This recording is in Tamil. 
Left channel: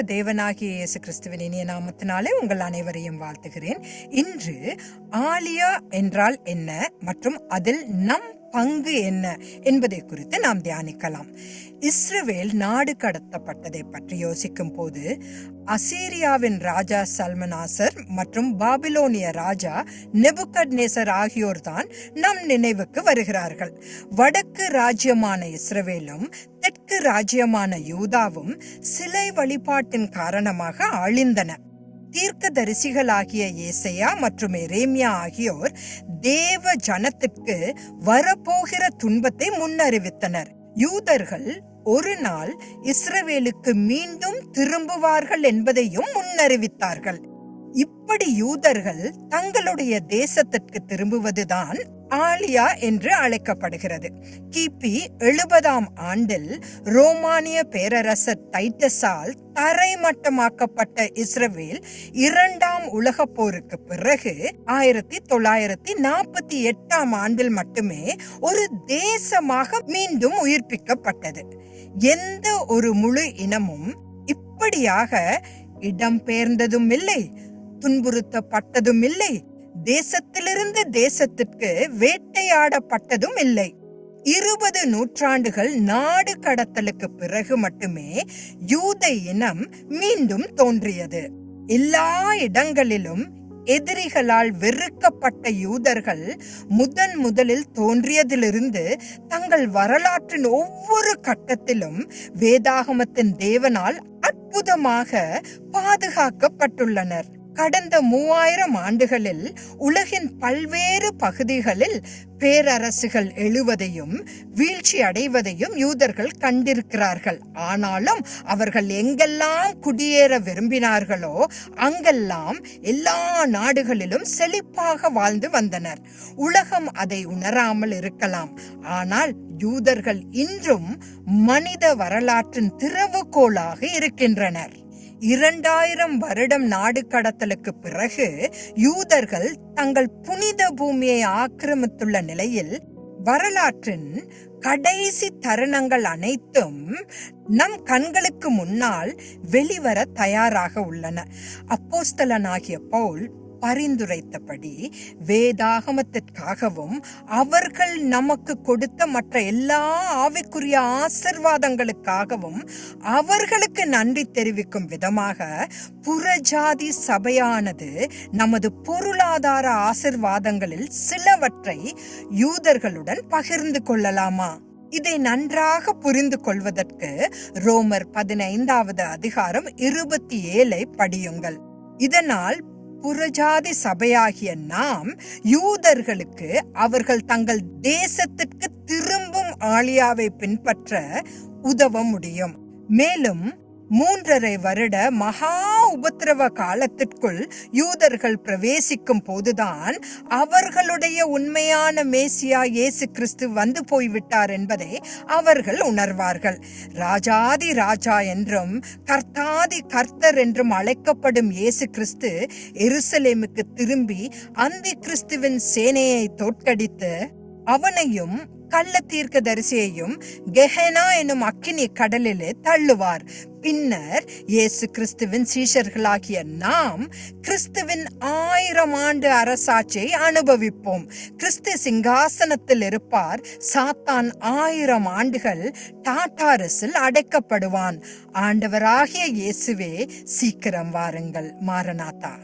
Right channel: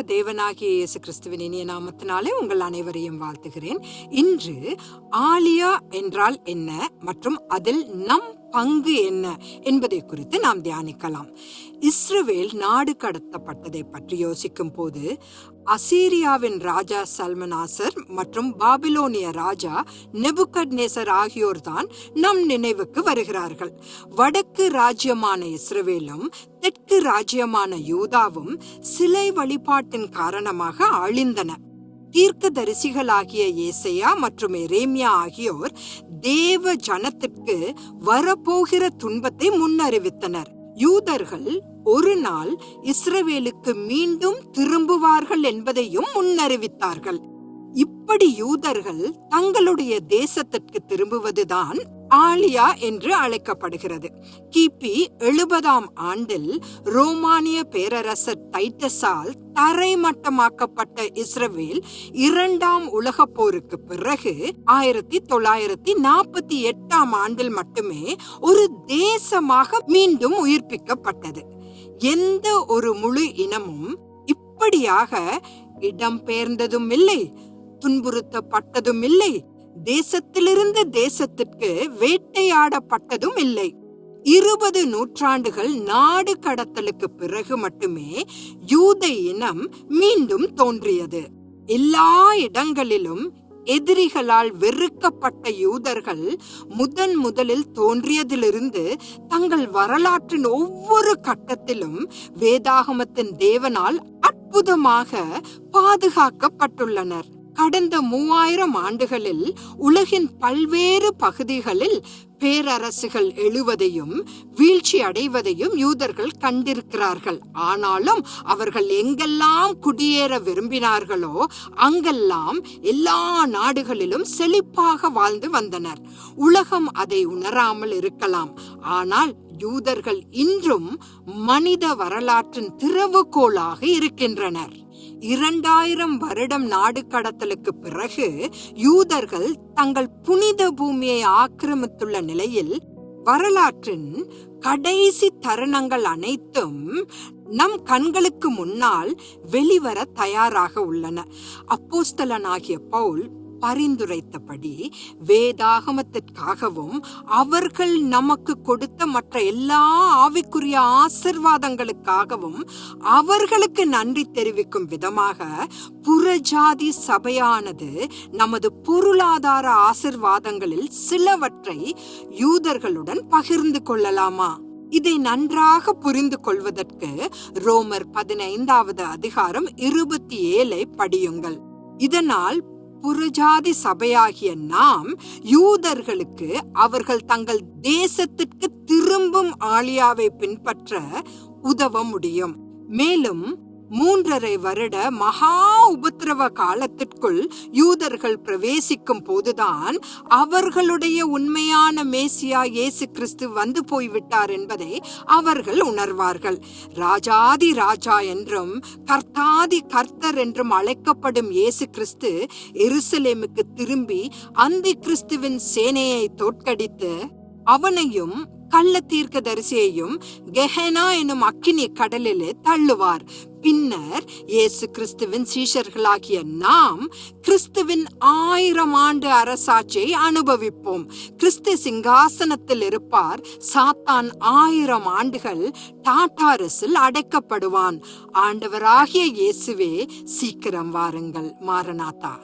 தேவனாகிய இயேசு கிறிஸ்துவின் இனிய நாமத்தினாலே உங்கள் அனைவரையும் வாழ்த்துகிறேன். இன்று ஆலியா என்றால் என்ன மற்றும் அதில் நம் பங்கு என்ன என்பதை குறித்து நாம் தியானிக்கலாம். இஸ்ரவேல் நாடு கடத்தப்பட்டதை பற்றி யோசிக்கும் போது அசீரியாவின் ராஜா சல்மனாசர் மற்றும் பாபிலோனிய ராஜா நெபுகட் நேசர் ஆகியோர்தான் நம் நினைவுக்கு வருகிறார்கள். வடக்கு ராஜ்யமான இஸ்ரவேலும் தெற்கு ராஜ்யமான யூதாவும் சிலை வழிபாட்டின் காரணமாக அழிந்தன. தீர்க்க தரிசிகளாகிய ஏசையா மற்றும் எரேமியா ஆகியோர் தேவ ஜனத்திற்கு வரப்போகிற துன்பத்தை முன்னறிவித்தனர். யூதர்கள் ஒரு நாள் இஸ்ரவேலுக்கு மீண்டும் திரும்புவார்கள் என்பதையும் முன்னறிவித்தார்கள். இப்படி யூதர்கள் தங்களுடைய தேசத்திற்கு திரும்புவதுதான் ஆலியா என்று அழைக்கப்படுகிறது. கிபி எழுபதாம் ஆண்டில் ரோமானிய பேரரசர் டைட்டஸால் தரைமட்டமாக்கப்பட்ட இஸ்ரவேல் இரண்டாம் உலக போருக்கு பிறகு ஆயிரத்தி தொள்ளாயிரத்தி நாற்பத்தி எட்டாம் ஆண்டில் மட்டுமே ஒரு தேசமாக மீண்டும் உயிர்ப்பிக்கப்பட்டது. எந்த ஒரு முழு இனமும் இப்படியாக இடம்பெயர்ந்ததும் இல்லை துன்புறுத்தப்பட்டதும் இல்லை தேசத்திலிருந்து தேசத்திற்கு வேட்டையாடப்பட்டதும் இல்லை. இருபது நூற்றாண்டுகள் நாடு கடத்தலுக்கு பிறகு மட்டுமே யூத இனம் மீண்டும் தோன்றியது. எல்லா இடங்களிலும் எதிரிகளால் வெறுக்கப்பட்ட யூதர்கள் முதன் முதலில் தோன்றியதிலிருந்து தங்கள் வரலாற்றின் ஒவ்வொரு கட்டத்திலும் வேதாகமத்தின் தேவனால் அற்புதமாக பாதுகாக்கப்பட்டுள்ளனர். கடந்த மூவாயிரம் ஆண்டுகளில் உலகின் பல்வேறு பகுதிகளில் பேரரசுகள் எழுவதையும் வீழ்ச்சி அடைவதையும் யூதர்கள் கண்டிருக்கிறார்கள். ஆனாலும் அவர்கள் எங்கெல்லாம் குடியேற விரும்பினார்களோ அங்கெல்லாம் எல்லா நாடுகளிலும் செழிப்பாக வாழ்ந்து வந்தனர். உலகம் அதை உணராமல் இருக்கலாம். ஆனால் யூதர்கள் இன்றும் மனித வரலாற்றின் திறவுகோலாக இருக்கின்றனர். இரண்டாயிரம் வருடம் நாடு கடத்தலுக்கு பிறகு யூதர்கள் தங்கள் புனித பூமியை ஆக்கிரமித்துள்ள நிலையில் வரலாற்றின் கடைசி தருணங்கள் அனைத்தும் நம் கண்களுக்கு முன்னால் வெளிவர தயாராக உள்ளன. அப்போஸ்தலனாகிய பவுல் பரிந்துரைத்தபடி வேதாகமத்திற்காகவும் அவர்கள் நமக்கு கொடுத்த மற்ற எல்லா ஆவிக்குரிய ஆசிர்வாதங்களுக்காகவும் அவர்களுக்கு நன்றி தெரிவிக்கும் விதமாக புறஜாதி சபையானது நமது பொருளாதார ஆசிர்வாதங்களில் சிலவற்றை யூதர்களுடன் பகிர்ந்து கொள்ளலாமா? இதை நன்றாக புரிந்து கொள்வதற்கு ரோமர் பதினைந்தாவது அதிகாரம் இருபத்தி ஏழை படியுங்கள். இதனால் புறஜாதி சபையாகிய நாம் யூதர்களுக்கு அவர்கள் தங்கள் தேசத்திற்கு திரும்பும் ஆலியாவை பின்பற்ற உதவ முடியும். மேலும் மூன்றரை வருட மகா உபத்திரவ காலத்திற்குள் யூதர்கள் பிரவேசிக்கும் போதுதான் அவர்களுடைய உண்மையான மேசியா இயேசு கிறிஸ்து வந்து போய்விட்டார் என்பதை அவர்கள் உணர்வார்கள். ராஜாதி ராஜா என்றும் கர்த்தாதி கர்த்தர் என்றும் அழைக்கப்படும் இயேசு கிறிஸ்து எருசலேமுக்கு திரும்பி அந்தி கிறிஸ்துவின் சேனையை தோற்கடித்து அவனையும் கள்ள தீர்க்க தரிசியையும் கெஹனா எனும் அக்கினி கடலிலே தள்ளுவார். பின்னர் இயேசு கிறிஸ்துவின் சீஷர்களாகிய நாம் கிறிஸ்துவின் ஆயிரம் ஆண்டு அரசாட்சியை அனுபவிப்போம். கிறிஸ்து சிங்காசனத்தில் இருப்பார். சாத்தான் ஆயிரம் ஆண்டுகள் டாட்டாரஸில் அடைக்கப்படுவான். ஆண்டவராகிய இயேசுவே சீக்கிரம் வாருங்கள். மாரநாதா.